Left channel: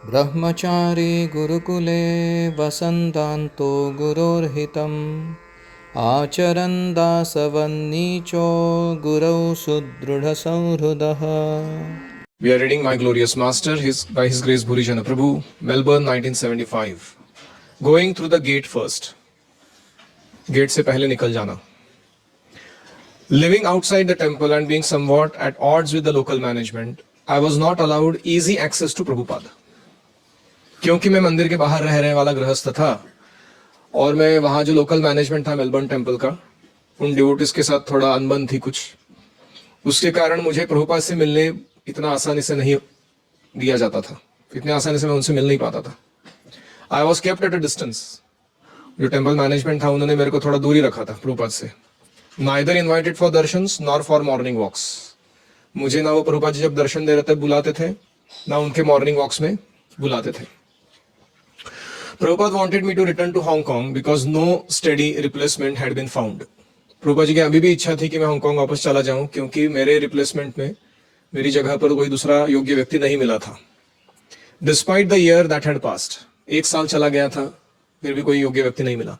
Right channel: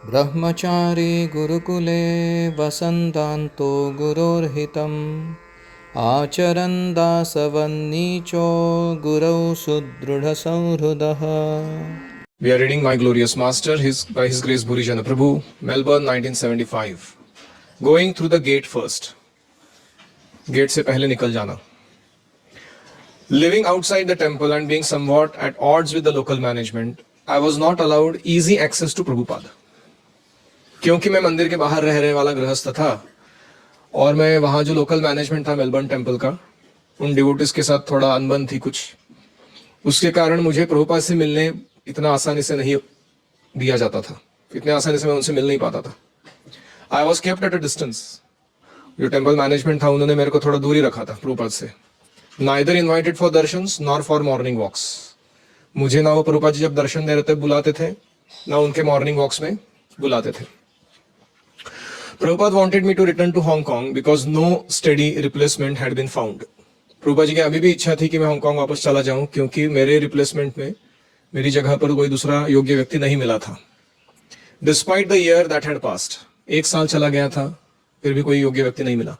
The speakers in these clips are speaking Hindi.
ब्रह्मचारी गुरुकुले वसन्तान्तो गुरोर्हितम् आचरन् दासवन्नीचो गुरौ सुदृढसंहृदः. We are reading My Glorious Master by His Grace Bhuri Jana Prabhu, Melbourne 1975. Going through the gate first. Gate से पहले निकल जाना. Living outside the temple and being somewhat at odds with the local management, I was not allowed easy access to Prabhupada. क्योंकि मैं मंदिर के बाहर रहने वाला गृहस्थ था और मैं वहाँ जो लोकल मैनेजमेंट था मेलबर्न टेम्पल का, उन डिवोटिस के साथ थोड़ा अनबन थी कुछ, उसके कारण मुझे प्रभुपाद से मिलने इतना आसानी से नहीं दिया जाता था. इतने आसानी से मैं उनसे मिल नहीं पाता था. I was kept at a distance. जो टेम्पल मैनेजमेंट था उन्होंने मेरे को थोड़ा दूर ही रखा था प्रभुपाद से. Neither invited for darshans nor for morning walks. मुझे ना वो प्रभुपाद जी जब दर्शन दे रहे थे बुलाते थे, ना उनके मॉर्निंग वॉक्स में बुलाते थे. Prabhupada wanted me to return to Hong Kong because no steady replacement had been found. Prabhupada ji की अभी भी इच्छा थी कि मैं हांगकांग वापस चला जाऊं क्योंकि मेरे रिप्लेसमेंट में मेरी जगह पर कोई दूसरा योग्य व्यक्ति नहीं मिला था. Despite the year that had passed, एक साल चला गया था, फिर भी कोई योग्य व्यक्ति नहीं मिला.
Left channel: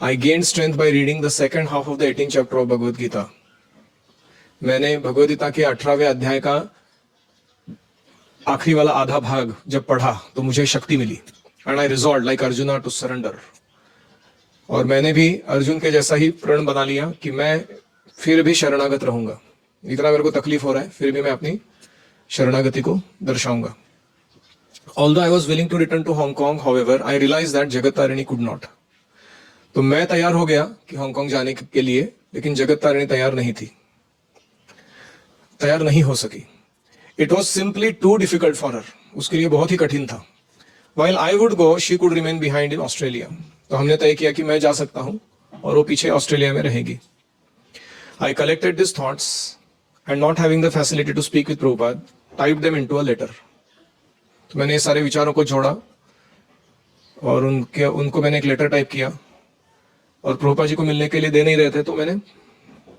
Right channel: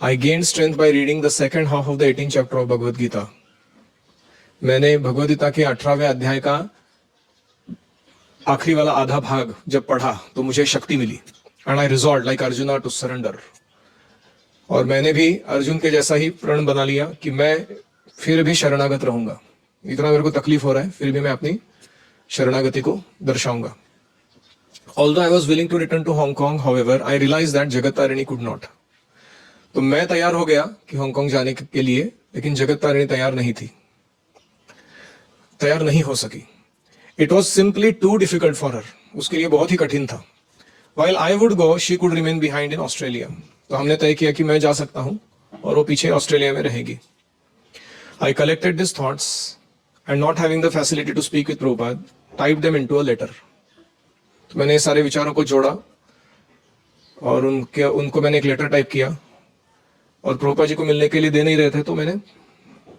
I gained strength by reading the second half of the 18th chapter of Bhagavad Gita. मैंने भगवद गीता के 18वें अध्याय का आखिरी वाला आधा भाग जब पढ़ा तो मुझे शक्ति मिली. And I resolved like Arjuna to surrender. और मैंने भी अर्जुन के जैसा ही प्रण बना लिया कि मैं फिर भी शरणागत रहूंगा. इतना मेरे को तकलीफ हो रहा है, फिर भी मैं अपनी शरणागति को दर्शाऊंगा. Although I was willing to return to Hong Kong, however, I realized that Jagat Tarini could not. तो मैं तैयार हो गया कि हांगकांग जाने के लिए, लेकिन जगत तारिणी तैयार नहीं थी, तैयार नहीं हो सकी. It was simply too difficult for her. उसके लिए बहुत ही कठिन था. While I would go, she could remain behind in Australia. तो हमने तय किया कि मैं जा सकता हूं और वो पीछे ऑस्ट्रेलिया में रहेगी. I collected these thoughts and not having the facility to speak with Prabhupada, typed them into a letter. तो मैंने ये सारे विचारों को जोड़ा और उनको मैंने एक लेटर टाइप किया और प्रभुपाद जी को मिलने के लिए दे नहीं रहे थे तो मैंने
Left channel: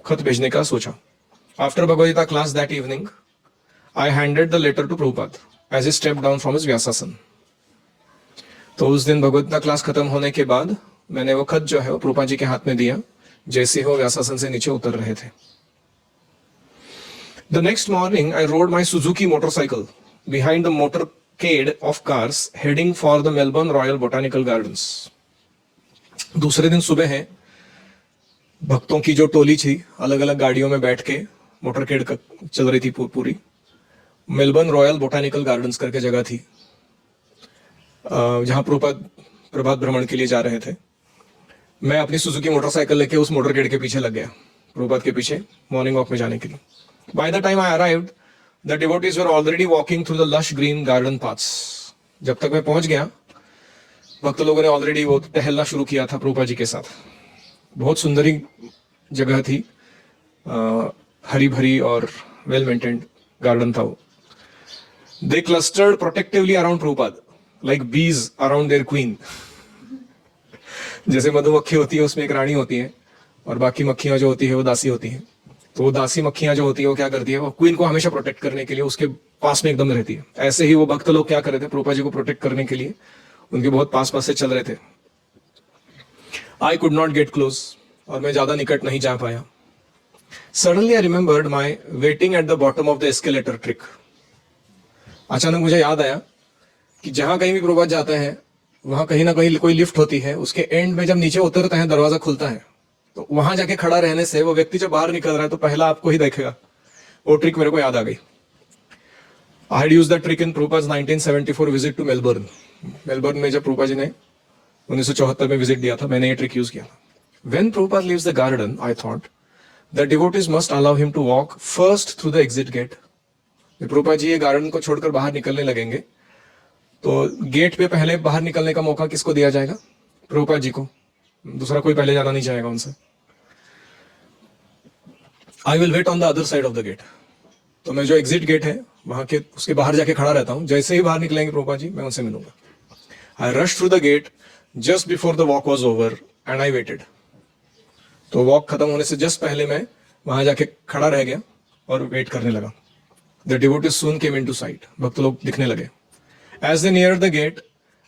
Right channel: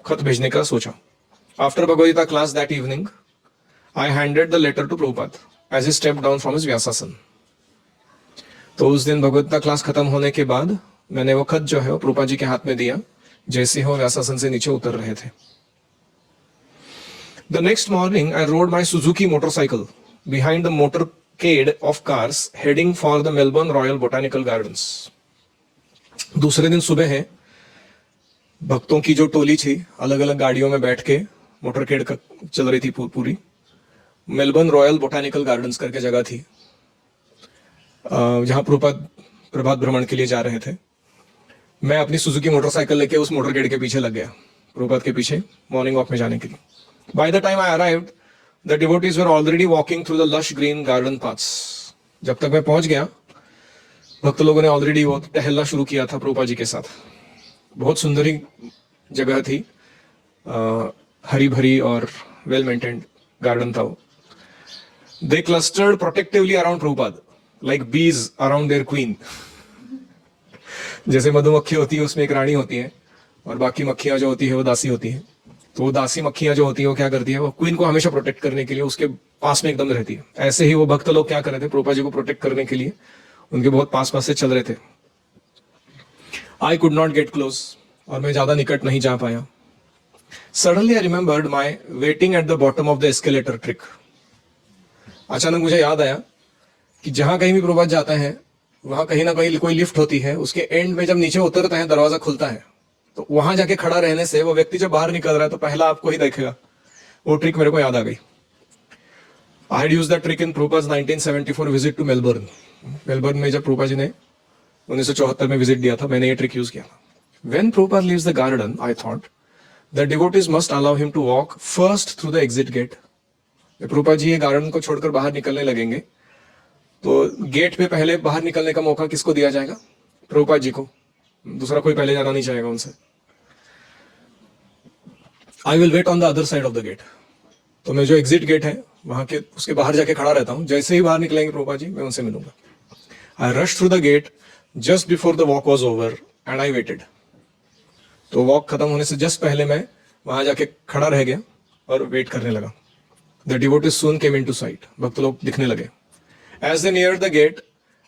खत भेजने का सोचा. After Bhagavad Gita class that evening, I handed the letter to Prabhupada as he stepped down from his Vyasasana. तो उस दिन भगवद गीता क्लास खत्म होने के बाद मैंने वो खत जो है वो प्रभुपाद जी के हाथ में दिया जैसे वो व्यासासन से नीचे उतर रहे थे. The next morning I rode my Suzuki motorcycle behind the motorcade of cars heading for the Melbourne Royal Botanical Gardens. दूसरे दिन सुबह है, भक्तों की जो टोली थी अलग अलग गाड़ियों में बैठ के मोटरकेड चल रही थी पूरी. मेलबर्न रॉयल बोटानिकल गार्डन्स करके जगह थी जहां प्रभुपाद प्रभात भ्रमण के लिए जा रहे थे. मैं अपनी सुजुकी मोटरसाइकिल लेके उस मोटरकेड के पीछे लग गया, प्रभुपाद के पीछे मॉर्निंग वॉक में जाने के लिए. By the time I arrived, the devotees were already walking through the lush green garden paths. जब तक मैं पहुंच गया, भक्त लोगों ने ऑलरेडी वो टहलना शुरू किया था प्रभुपाद जी के साथ. बहुत सुंदरी जगह थी, हरी भरी और वेल मेंटेन्ड गार्डन था वो. They clustered protectively around Prabhupada like bees around their queen. जैसे मधुमक्खी होती है उसमें एक रानी होती है और बाकी मक्खियां जो होती है वो दासी होती है. तो वो दासी मक्खियां जो होती है वो क्या करती है, वो क्वीन को हमेशा प्रोटेक्ट करने के लिए उसके पास में एकदम रहती है. ऐसे ही वो भक्त लोग क्या कर रहे थे, प्रभुपाद जी को प्रोटेक्ट करने के लिए उनके बहुत पास से चल रहे थे. I could not gate close और मैं ज्यादा निकट नहीं जा पाया. Suddenly I remembered my waiting at the bottom of the escalator trick. अचानक मुझे याद आया कि जहां कहीं भी प्रभुपाद जाते हैं वहां कहीं ना कहीं कोई लिफ्ट होती है, उसके एंड में जब नीचे उतरते हैं दरवाजा खुलता है, तो वहां जाके खड़ा रहने से वो व्यक्ति जब बाहर निकल रहा है तो पहला आपको ही देखेगा. वो ट्रिक मेरे को याद आ गई. I had used that trick in Prabhupada 1974 visit to Melbourne. Melbourne में जब प्रभुपाद जी ने 1974 में विजिट दिया था, मैंने ये ट्रिक यूज किया था. When Prabhupada leaves the garden, I thought the devotees must allow him to walk first through the exit gate. Prabhupada ji ये गार्डन को छोड़कर बाहर निकलने लगेंगे तो गेट पे पहले बाहर निकलने का मौका किसको दिया जाएगा, प्रभुपाद जी को. दूसरा कोई पहले जाना नहीं चाहेगा उनसे. I will wait on the other side of the gate. तो मैं जो एग्जिट गेट है वहां के उसके बाहर जाके खड़ा रहता हूं. जैसे ही बाहर निकलेंगे प्रभुपाद जी मैं उनसे मिलूंगा. I rush through the get just before the walk was over and I waited. तो वॉक खत्म होने से जस्ट पहले मैं वहां जाके खड़ा रह गया और वेट करने लगा. The devotees soon came into site. भक्त लोग दिखने लगे. As they neared the gate,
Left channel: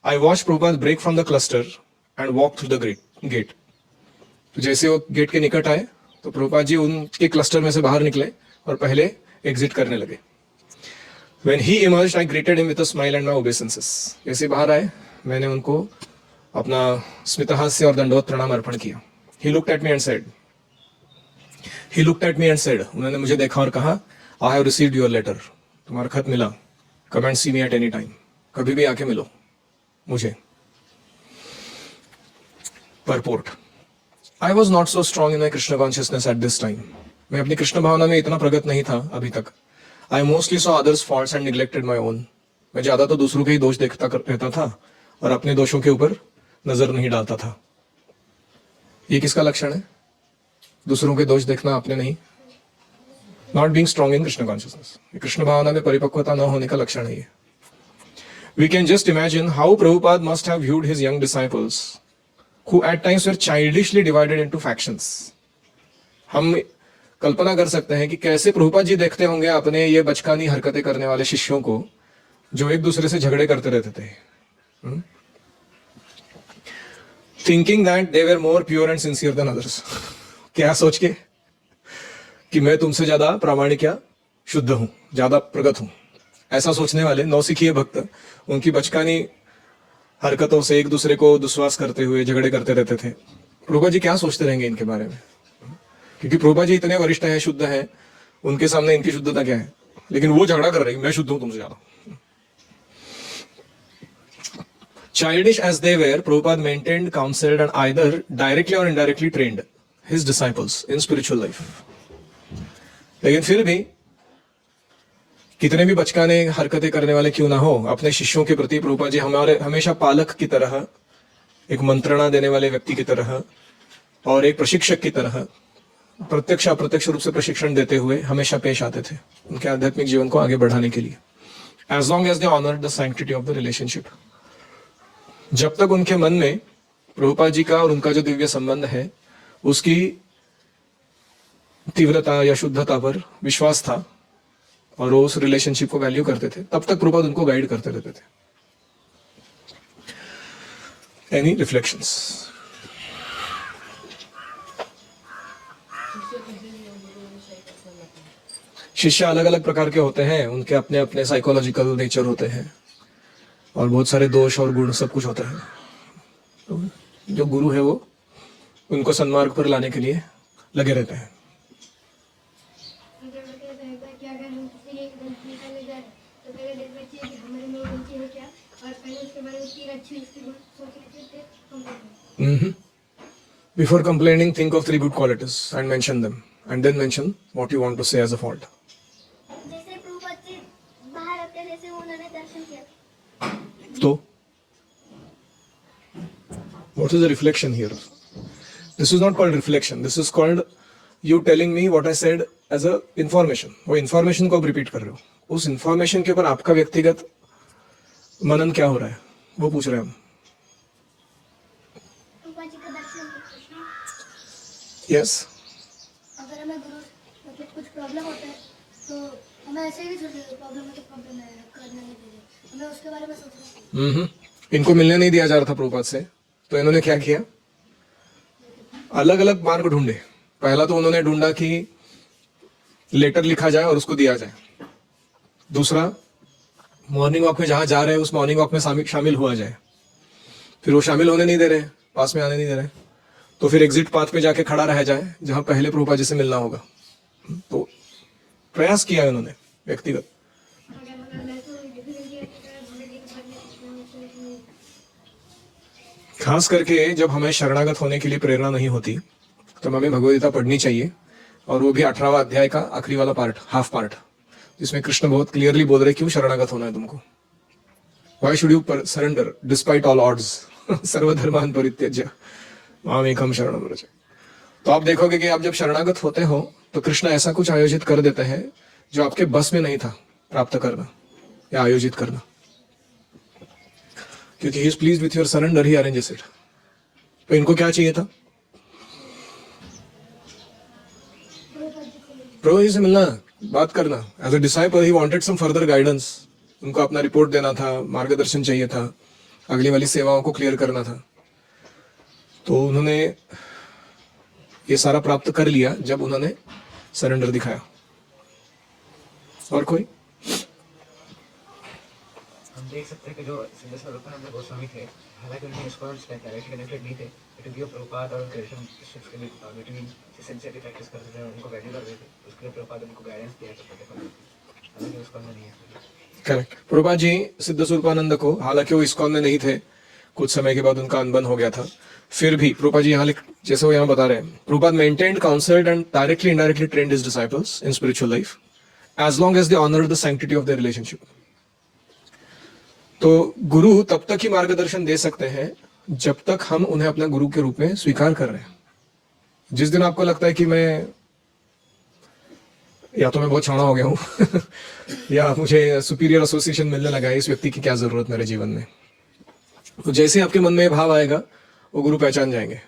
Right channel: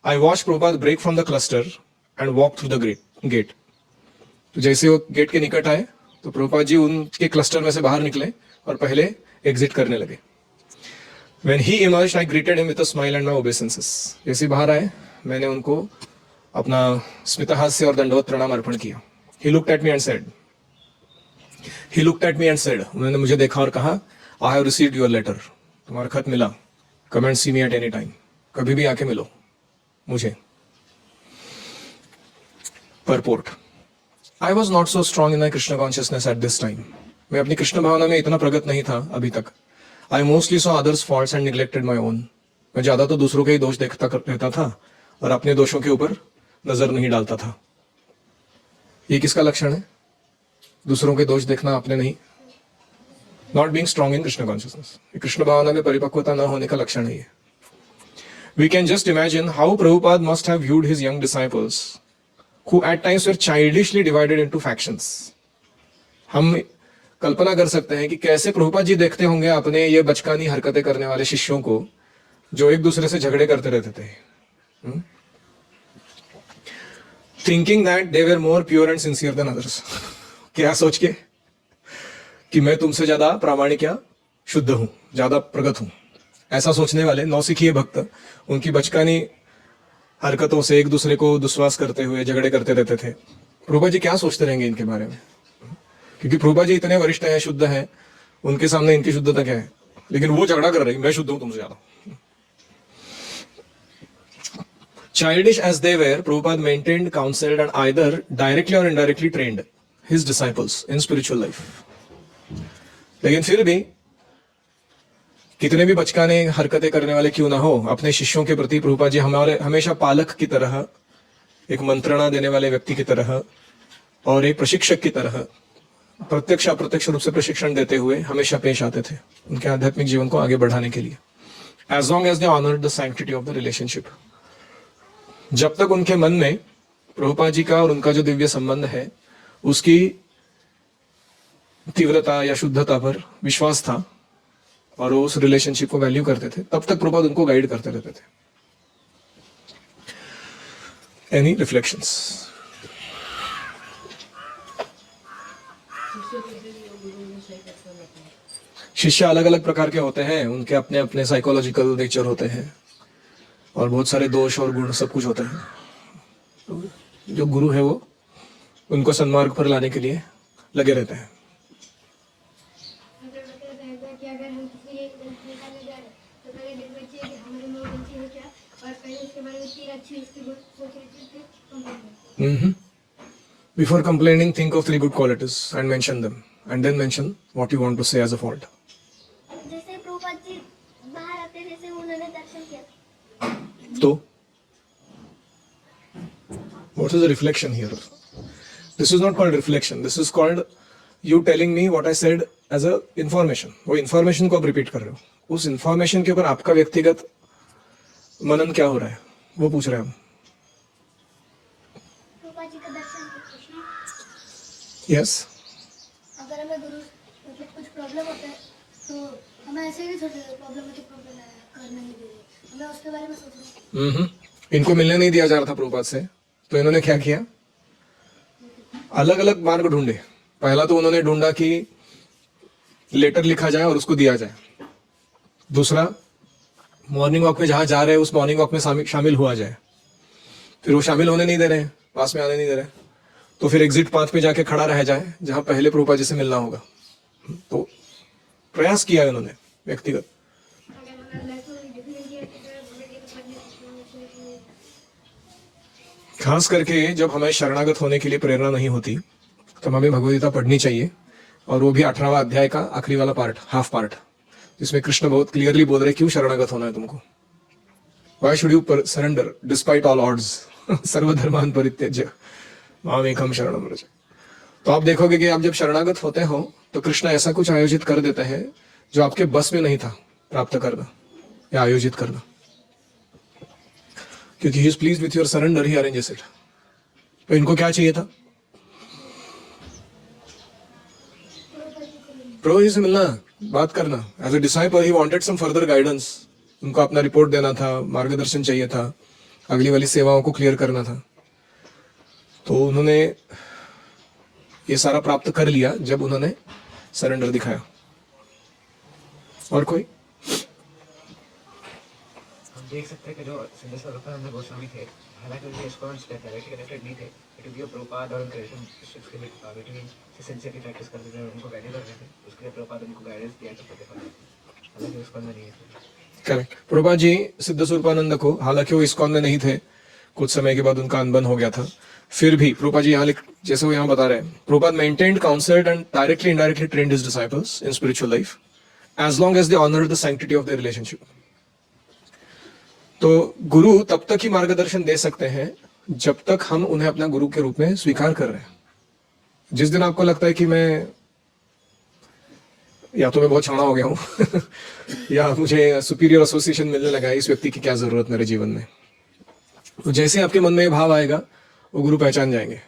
I watched Prabhupada break from the cluster and walk through the gate. तो जैसे वो गेट के निकट आए तो प्रभुपाद जी उनके क्लस्टर में से बाहर निकले और पहले एग्जिट करने लगे. When he emerged, I greeted him with a smile and my obeisances. जैसे बाहर आए मैंने उनको अपना स्मितहास्य और दंडवत प्रणाम अर्पण किया. He looked at me and said, उन्होंने मुझे देखा और कहा, I have received your letter. तुम्हारा खत मिला. Come and see me at any time. कभी भी आके मिलो मुझे. Purport. I was not so strong in my Krishna consciousness at this time. मैं अपनी कृष्ण भावना में इतना प्रगत नहीं था अभी तक. I mostly saw others' faults and neglected my own. मैं ज्यादा तो दूसरों के ही दोष देखता रहता था और अपने दोषों के ऊपर नजर नहीं डालता था. ये किसका लक्षण है? दूसरों के दोष देखना, अपने नहीं. Not being strong in Krishna consciousness. Krishna भावना में परिपक्वता न होने का लक्षण है ये. We can just imagine how Prabhupada must have viewed his young disciples, who at times were childishly divided into factions. हम कल्पना कर सकते हैं कि कैसे प्रभुपाद जी देखते होंगे अपने ये बचकानी हरकतें करने वाले शिष्यों को जो एक दूसरे से झगड़े करते रहते थे. Thinking that they were more pure and sincere than others. क्या सोच के कि मैं तुमसे ज्यादा प्रामाणिक या शुद्ध हूं, ज्यादा प्रगत हूं. ऐसा सोचने वाले नौसिखिए भक्त उनकी बचकानी हरकतों से एक दूसरे को दुस्वास करते हुए झगड़े करते रहते थे. प्रभुपाद जी क्या सोचते रहेंगे इनके बारे में? क्योंकि प्रभुपाद जी इतने वरिष्ठ हैं, शुद्ध हैं, उनके सामने इनकी शुद्धता क्या है, लेकिन वो झगड़ा कर रहे हैं, मैं शुद्ध हूं तुमसे ज्यादा. Childish as they were, Prabhupada maintained, counseled, and either directly or indirectly trained his disciples in spiritual life. लेकिन फिर भी कितने भी बचकाने हरकतें करने वाले क्यों ना हो, अपने शिष्यों के प्रति प्रभुपाद जी हमारे हमेशा पालक की तरह, एक मंत्रणा देने वाले व्यक्ति की तरह और एक प्रशिक्षक की तरह प्रत्यक्ष अप्रत्यक्ष रूप से प्रशिक्षण देते हुए हमेशा पेश आते थे उनके आध्यात्मिक जीवन को आगे बढ़ाने के लिए. As long as they honored the sanctity of the relationship. जब तक उनके मन में प्रभुपाद जी का और उनका जो दिव्य संबंध है उसकी तीव्रता या शुद्धता पर विश्वास था और वो उस रिलेशनशिप को वैल्यू करते थे, तब तक प्रभुपाद उनको गाइड करते रहते थे. Any reflections? शिष्य अलग अलग प्रकार के होते हैं, उनके अपने अपने साइकोलॉजिकल नेचर होते हैं और बहुत सारे दोष और गुण सब कुछ होते हैं. जो गुरु है वो उनको सन्मार्ग पर लाने के लिए लगे रहते हैं. Before complaining, think of 3 good qualities and mention them, and then mention what you want to say as a fault. जैसे प्रभुपाद जी बाहर आते जैसे उन्होंने दर्शन किया. So, what is the reflection here? This is not called reflection. This is called you telling me what I said as a information. वो information को आप repeat कर रहे हो. उस information के ऊपर आपका व्यक्तिगत मनन क्या हो रहा है वो पूछ रहे हैं हम. प्रभुपाद जी का दर्शन किया. Yes. अगर हमें गुरु मतलब कुछ प्रॉब्लम होता है तो हमें ऐसे ही नहीं सोचना प्रॉब्लम है तो प्रॉब्लम है, करना नहीं चाहिए, हमें उसके बारे में सोचना है. इनको मिलने नहीं दिया जा रहा था प्रभुपाद से, तो इन्होंने क्या किया? अलग अलग मार्ग ढूंढे. पहला तो उन्होंने ढूंढा कि लेटर लिखा जाए और उसको दिया जाए. दूसरा, मॉर्निंग वॉक में जहां जा रहे हैं उस मॉर्निंग वॉक में शामिल हुआ जाए. फिर वो शामिल होने नहीं दे रहे, पास में आने नहीं दे रहे, तो फिर एग्जिट पाथ पे जाके खड़ा रह जाए जहां पहले प्रभुपाद जी से मिलना होगा. तो प्रयास किया उन्होंने व्यक्तिगत. खास करके जब हमें शरणागत होने के लिए प्रेरणा नहीं होती तब हमें भगवद्गीता पढ़नी चाहिए, और वो भी 18वां अध्याय का आखिरी वाला पार्ट, हाफ पार्ट, जिसमें कृष्ण बहुत क्लियरली बोल रहे क्यों शरणागत होना है तुमको. Why should you surrender despite all odds? सर्वधर्मान परित्यज्य माम एकम शरणम व्रज. तो आप देखोगे कि आप जब शरणागत होते हो तो कृष्ण ऐसा कुछ आयोजित कर देते हैं जो आपके बस में नहीं था प्राप्त करना या आयोजित करना, क्योंकि he is pleased with your surrender, he arranges it. तो इनको क्या चाहिए था? प्रभु जी से मिलना, बात करना. As a disciple he wanted some further guidance. उनको अपना रिपोर्ट देना था, मार्गदर्शन चाहिए था, अगली वाली सेवाओं को क्लियर करना था। तो उन्होंने ये सारा प्राप्त कर लिया जब उन्होंने सरेंडर दिखाया। और कोई? हम देख सकते हैं कि जो सिद्धेश्वर रूपानंद गोस्वामी थे, हालांकि उनके इस्कॉन्स थे, डायरेक्टली कनेक्टेड नहीं थे, बट भी वो प्रभुपाद और उनके रिलेशनशिप्स के लिए बिटवीन सिंसियरली प्रैक्टिस करते थे, उनको वैल्यू करते थे, उसके लिए प्रभुपाद उनको गाइडेंस दिया करते थे, हालांकि इस्कॉन में नहीं है। करेक्ट। प्रभुपाद जी सिद्ध स्वरूपानंद को, हालांकि वो इस्कॉन में नहीं थे, कुछ समय के बाद उनका अनबन हो गया था, फिर भी प्रभुपाद जी यहाँ जैसे वो यहाँ बता रहे हैं, Prabhupada maintained, counselled and directly indirectly trained his disciples in spiritual life as long as they honoured the sanctity of their relationship. तो गुरु तब तक ही मार्गदर्शन दे सकते हैं जब तक हम उन्हें अपना गुरु के रूप में स्वीकार कर रहे हैं। जिस दिन आपको लगता है कि मैं या तो मैं बहुत छाना हो गया हूं या मुझे सुपीरियर एसोसिएशन मिलने लगा है, इस व्यक्ति की क्या जरूरत मेरे जीवन में, तो जैसे आपके मन में ये भाव आएगा, वो गुरु पहचान जाएंगे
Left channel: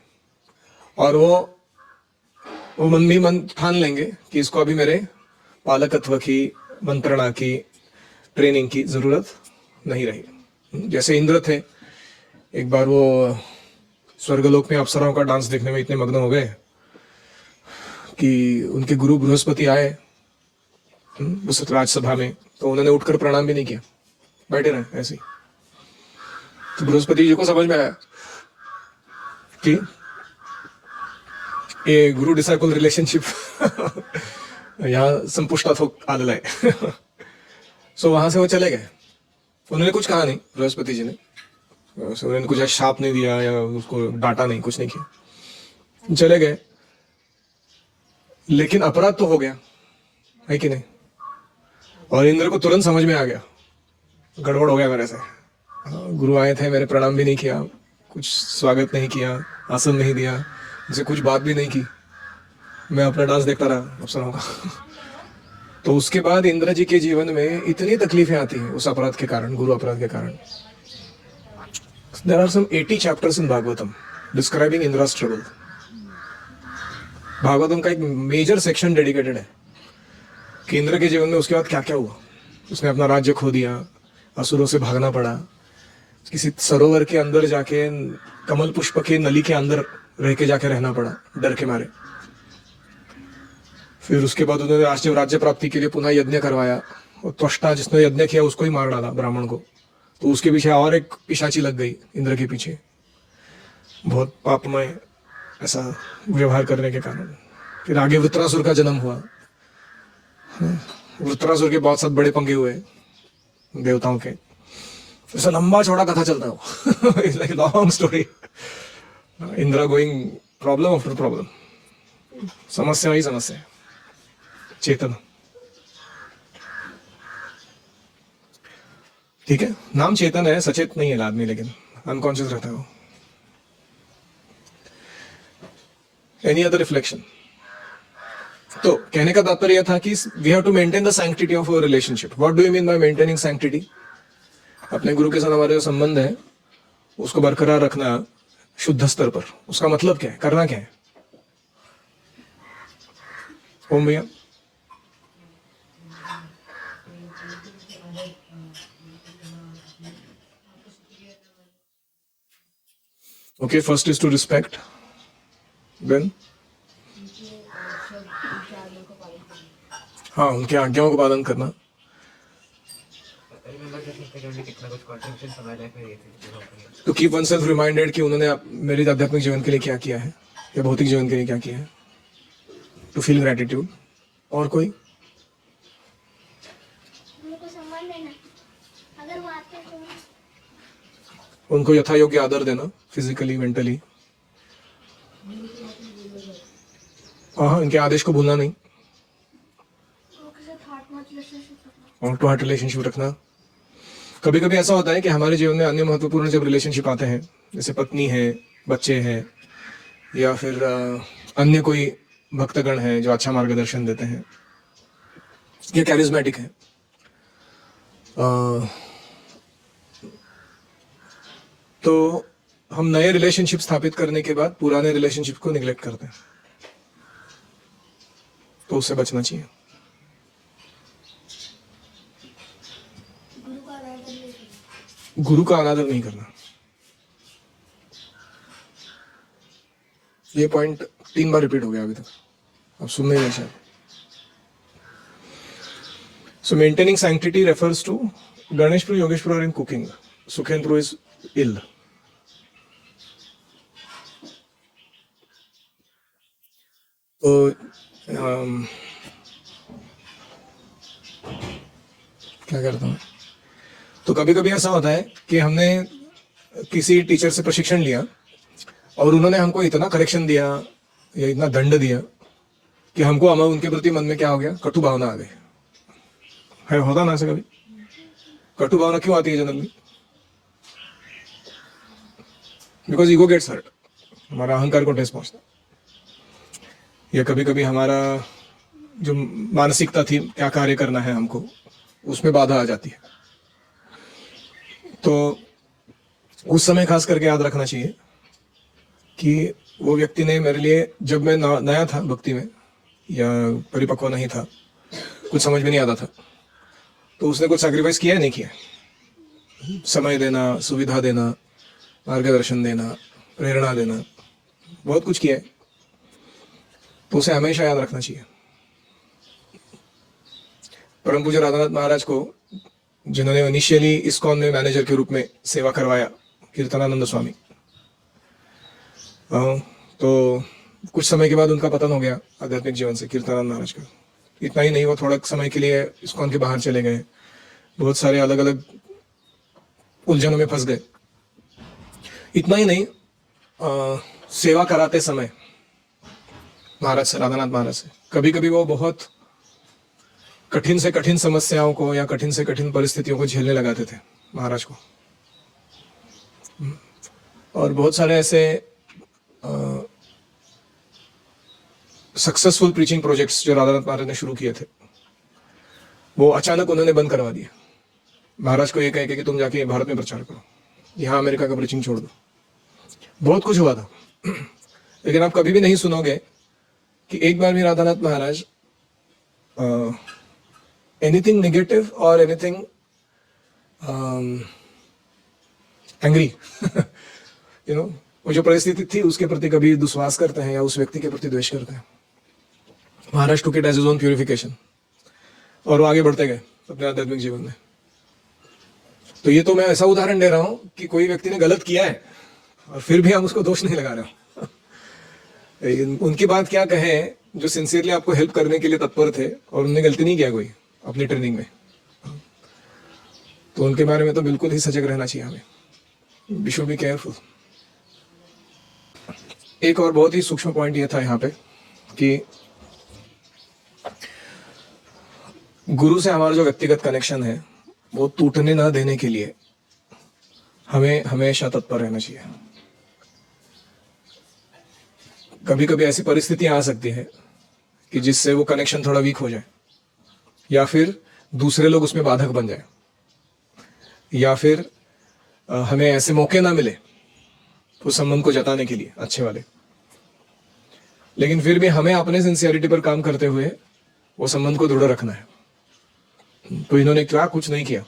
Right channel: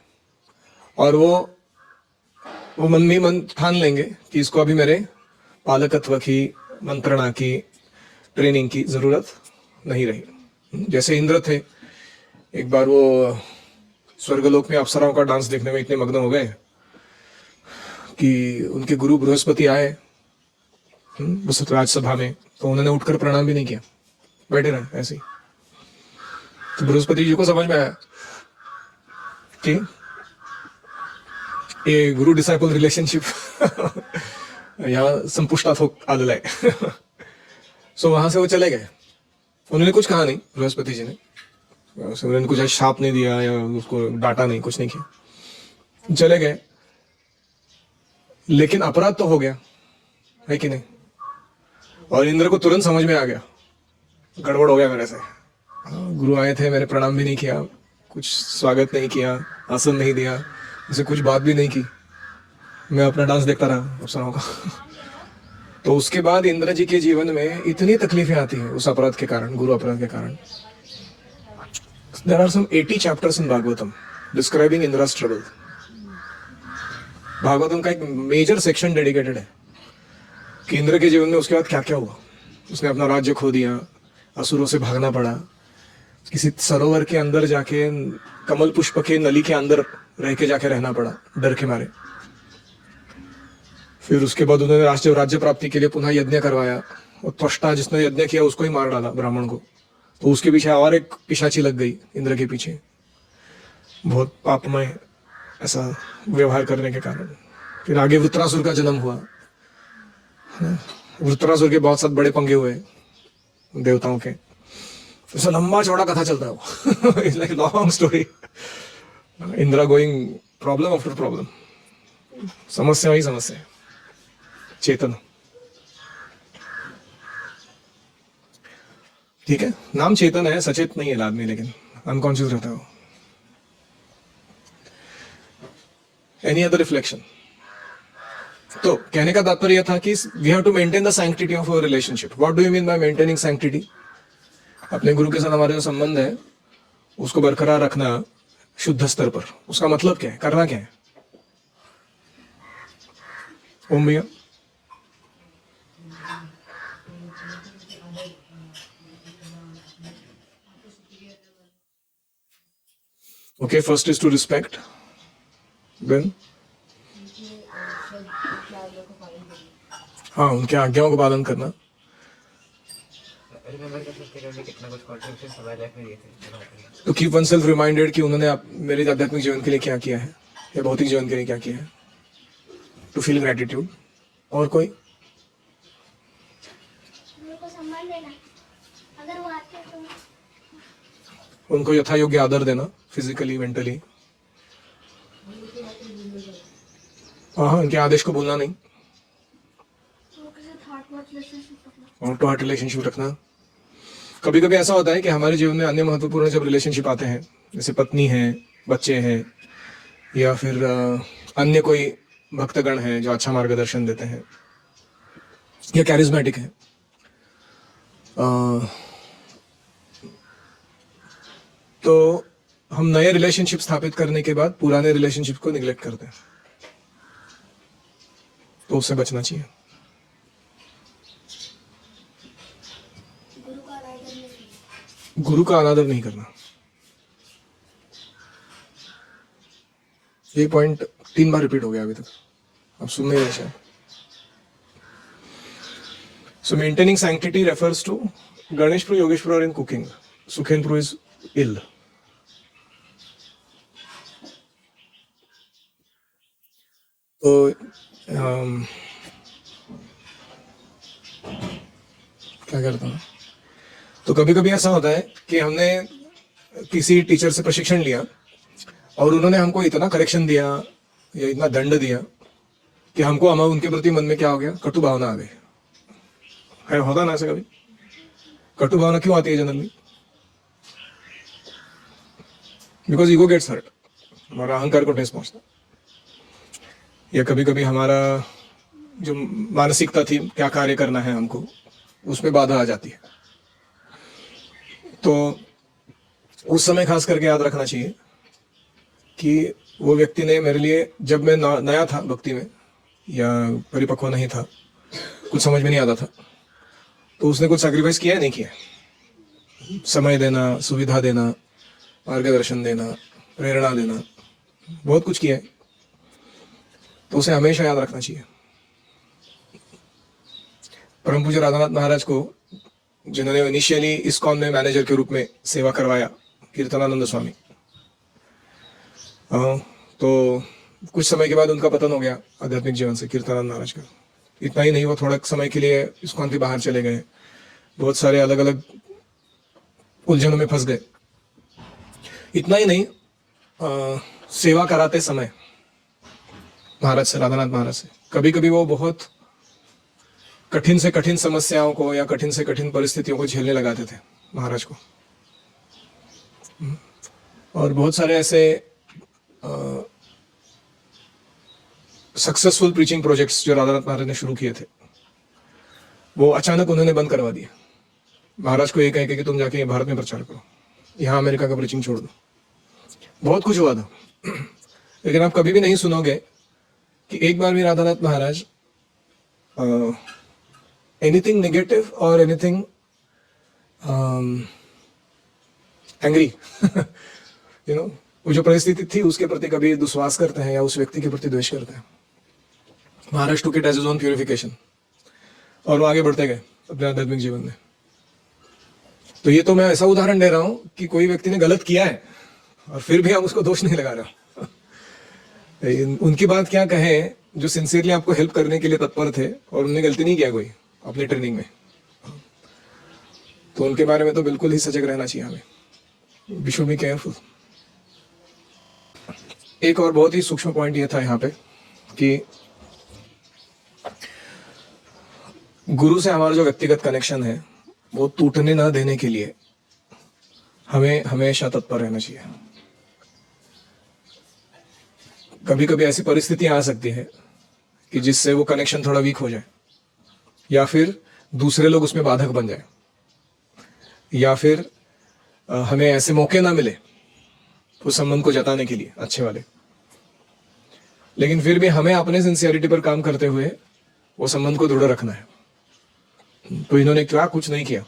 और वो मन में मन ठान लेंगे कि इसको अभी मेरे पालकत्व की, मंत्रणा की, ट्रेनिंग की जरूरत नहीं रही। जैसे इंद्र थे, एक बार वो स्वर्गलोक में अप्सराओं का डांस देखने में इतने मग्न हो गए कि उनके गुरु बृहस्पति आए उस राजसभा में, तो उन्होंने उठकर प्रणाम भी नहीं किया, बैठे रहे ऐसे ही। तो बृहस्पति जी को समझ में आया कि ये गुरु डिसाइपल रिलेशनशिप यहाँ संपुष्टात हो आलेला है सो वहां से वो चले गए। उन्होंने कुछ कहा नहीं बृहस्पति जी ने, उन्होंने कुछ शाप नहीं दिया या उसको डांटा नहीं, कुछ नहीं किया, चले गए। लेकिन अपराध तो हो गया है कि नहीं? और इंद्र को तुरंत समझ में आ गया, गड़बड़ हो गया मेरे से, गुरु आए थे, मैंने प्रणाम भी नहीं किया, कुछ स्वागत नहीं किया, आसन नहीं दिया, मुझसे कुछ बात भी नहीं की, मैं अपना डांस देखता रहा अप्सराओं का तो उसके बाद इंद्र जी के जीवन में इतनी तकलीफें आती हैं उस अपराध के कारण, गुरु अपराध के कारण। There are some 80 chapters in Bhagavatam describing Indra's trouble. Bhagavatam का एक मेजर सेक्शन डेडिकेटेड है कि इंद्र के जीवन में उसके बाद क्या क्या हुआ। उसने अपना राज्य खो दिया, असुरों से भागना पड़ा, किसी सरोवर के अंदर जाके, कमल पुष्प के नली के अंदर रह के जाके रहना पड़ा डर के मारे। फिर उसके बाद उन्होंने राष्ट्रीय राज्य प्राप्ति के लिए पुनः यज्ञ करवाया, और त्वष्टा जिसने यज्ञ किया उसको ही मार डाला, ब्राह्मण को। तो उसके पीछे और एक पिशाची लग गई इंद्र के पीछे, बहुत पापमय ऐसा व्यवहार करने के कारण। फिर आगे वृत्रासुर का जन्म हुआ। वृत्रासुर के बहुत साथ बड़े पंगे हुए देवताओं के, ऐसा लंबा चौड़ा कथा चलता है वो it's like long story. Indira going problem after problem, समस्या ही समस्या। चेतन, ठीक है, नाम चेतन है, सचेत नहीं है आदमी, लेकिन अनकॉन्शियस रहता है वो। Any other reflection? तो कहने का तात्पर्य था कि we have to maintain the sanctity of our relationship. What do you mean by maintaining sanctity? अपने गुरु के साथ हमारे जो संबंध है उसको बरकरार रखना शुद्ध स्तर पर। उसका मतलब क्या है, करना क्या है? ओम भैया, okay, first is to respect, then हाँ, उनके आज्ञाओं को पालन करना। तो कीप वन सेल्फ रिमाइंडेड कि उन्होंने मेरे आध्यात्मिक जीवन के लिए क्या किया है या भौतिक जीवन के लिए क्या किया है। To feel gratitude. और कोई? उनको यथा योग्य आदर देना, फिजिकली, मेंटली। हाँ, इनके आदेश को भूलना नहीं। हार्ट टू हार्ट रिलेशनशिप रखना। कभी कभी ऐसा होता है कि हमारे जीवन में अन्य महत्वपूर्ण जब रिलेशनशिप आते हैं, जैसे पत्नी है, बच्चे हैं, या फिर अन्य कोई भक्तगण हैं जो अच्छा मार्गदर्शन देते हैं या कैरिज्मेटिक है, तो हम नए रिलेशनशिप स्थापित करने के बाद पुराने रिलेशनशिप को निग्लेक्ट करते हैं, तो उससे बचना चाहिए। गुरु का गुरु का अनादर नहीं करना। ये पॉइंट 3 बार रिपीट हो गया अभी तक, अब सुन नहीं रहे शायद। So maintaining sanctity refers to Ganeshpur, Yogeshpur are in cooking. Sukhenpur is ill. तो क्या करता हूँ, तो कभी कभी ऐसा होता है कि हमने किसी टीचर से प्रशिक्षण लिया और उन्होंने हमको इतना करेक्शन दिया या इतना दंड दिया कि हमको हमें उनके प्रति मन में क्या हो गया, कटु भावना आ गई है। होता ना ऐसे कभी? कटु भावना क्यों आती है generally? Because ego gets hurt, हमारा अहंकार को ठेस पहुंचता, या कभी कभी हमारा जो मानसिकता थी क्या कार्य करना है हमको, उसमें बाधा आ जाती है। तो उस समय खास करके याद रखना चाहिए कि वो व्यक्ति ने मेरे लिए, जब मैं नया था भक्ति में या परिपक्व नहीं था, कुछ समझ में नहीं आता था, तो उसने कुछ सैक्रिफाइस किया है नहीं किया? समय देना, सुविधा देना, मार्गदर्शन देना, प्रेरणा देना, बहुत कुछ किया है। तो उसे हमेशा याद रखना चाहिए। परम पूज्य राधानाथ महाराज को, जिन्होंने इनिशियली इस्कॉन में मैनेजर के रूप में सेवा करवाया, कीर्तनानंद स्वामी, तो कुछ समय के बाद उनका पतन हो गया आध्यात्मिक जीवन से, कीर्तनानंद महाराज का। इतना ही नहीं, वो थोड़ा समय के लिए इस्कॉन के बाहर चले गए, बहुत सारे अलग अलग उलझनों में फंस गए। इतना ही नहीं, सेवा कराते समय महाराज से, राधानाथ महाराज से, कभी कभी वो बहुत कठिन से कठिन समस्याओं को या कठिन से कठिन परिस्थितियों को झेलने लगाते थे महाराज को। और बहुत सारे ऐसे सक्सेसफुल प्रीचिंग प्रोजेक्ट्स जो राधानाथ महाराज ने शुरू किए थे, वो अचानक उन्होंने बंद करवा दिए। महाराज को ये कह के कि तुम जाके भारत में प्रचार करो, यहाँ अमेरिका का प्रीचिंग छोड़ दो। बहुत कुछ हुआ था, लेकिन आप कभी भी नहीं सुनोगे कि एक बार भी राधानाथ महाराज एनीथिंग नेगेटिव और एनीथिंग एंग्री वो जो परिस्थिति थी उसके प्रति कभी दुस्वास करते हैं या उस व्यक्ति के प्रति द्वेष करते हैं। महाराज took it as his own purification और आगे बढ़ते गए अपने आध्यात्मिक जीवन में। तो ये तो मैं ऐसा उदाहरण दे रहा हूं कि कोई व्यक्ति ने गलत किया है और फिर भी हम उसको दोष नहीं लगा रहे। उनकी बात क्या कहें जो सिंसियरली आपको हेल्प करने के लिए तत्पर थे और उन्होंने गलती नहीं किया कोई अपनी ट्रेनिंग में, तो उनके बारे में तो बिल्कुल ही सजग रहना चाहिए हमें। We should be careful. एक और बहुत ही सूक्ष्म पॉइंट ये था यहाँ पे कि गुरु से हमारा जो व्यक्तिगत कनेक्शन है वो टूटने ना देने के लिए हमें हमेशा तत्पर रहना चाहिए। कभी कभी ऐसी परिस्थितियां आ सकती है कि जिससे वो कनेक्शन थोड़ा वीक हो जाए, या फिर दूसरे लोग उसमें बाधक बन जाए, या फिर हमें ऐसे मौके ना मिले उस संबंध को जताने के लिए अच्छे वाले। लेकिन फिर भी हमें अपने सिंसियरिटी पर काम करते हुए वो संबंध को दृढ़ रखना है। तो इन्होंने क्या कुछ नहीं किया।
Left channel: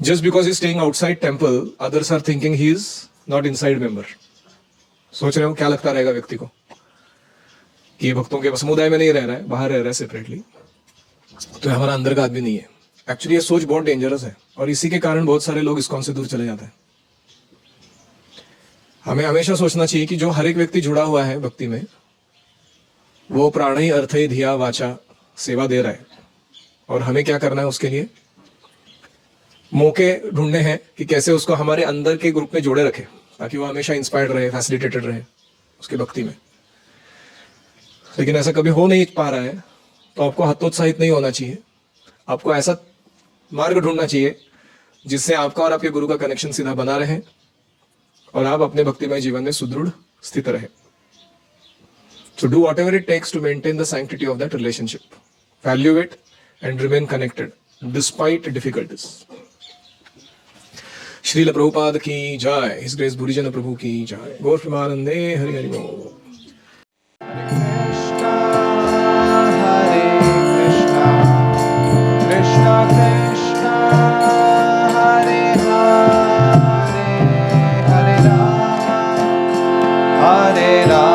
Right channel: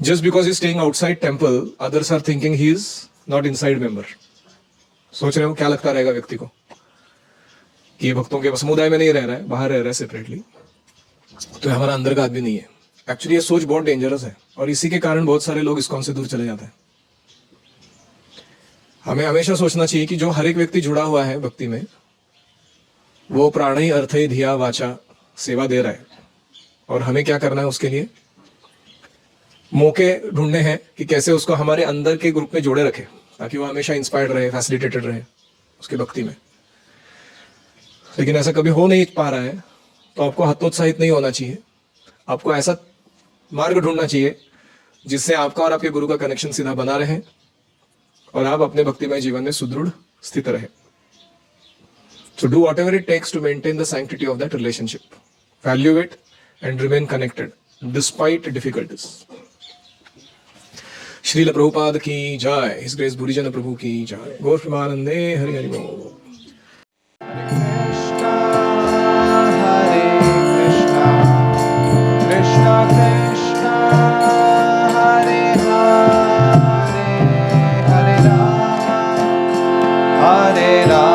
Just because he staying outside temple, others are thinking he is not inside member. सोच रहे हो क्या लगता रहेगा व्यक्ति को कि ये भक्तों के समुदाय में नहीं रह रहा है, बाहर रह रहा है सेपरेटली, तो हमारा अंदर का आदमी नहीं है। एक्चुअली ये सोच बहुत डेंजरस है और इसी के कारण बहुत सारे लोग इस्कॉन से दूर चले जाते हैं। हमें हमेशा सोचना चाहिए कि जो हर एक व्यक्ति जुड़ा हुआ है भक्ति में, वो प्राणी अर्थ धिया वाचा सेवा दे रहा है, और हमें क्या करना है उसके लिए मौके ढूंढने हैं कि कैसे उसको हमारे अंदर के ग्रुप में जोड़े रखे, ताकि वो हमेशा इंस्पायर्ड रहे, फैसिलिटेटेड रहे उसके भक्ति में। लेकिन ऐसा कभी हो नहीं पा रहा है तो आपको हतोत्साहित नहीं होना चाहिए। आपको ऐसा मार्ग ढूंढना चाहिए जिससे आपका और आपके गुरु का कनेक्शन सीधा बना रहे और आप अपने भक्तिमय जीवन में सुदृढ़ स्थित रहे। So do whatever it takes to maintain the sanctity of that relationship. Value it and remain connected despite difficulties. Srila Prabhupada की जय, हिज ग्रेस बुरीजन प्रभु की जय। गौर प्रेमानंदे हरि हरि बोल। Krishna Krishna Hare Ram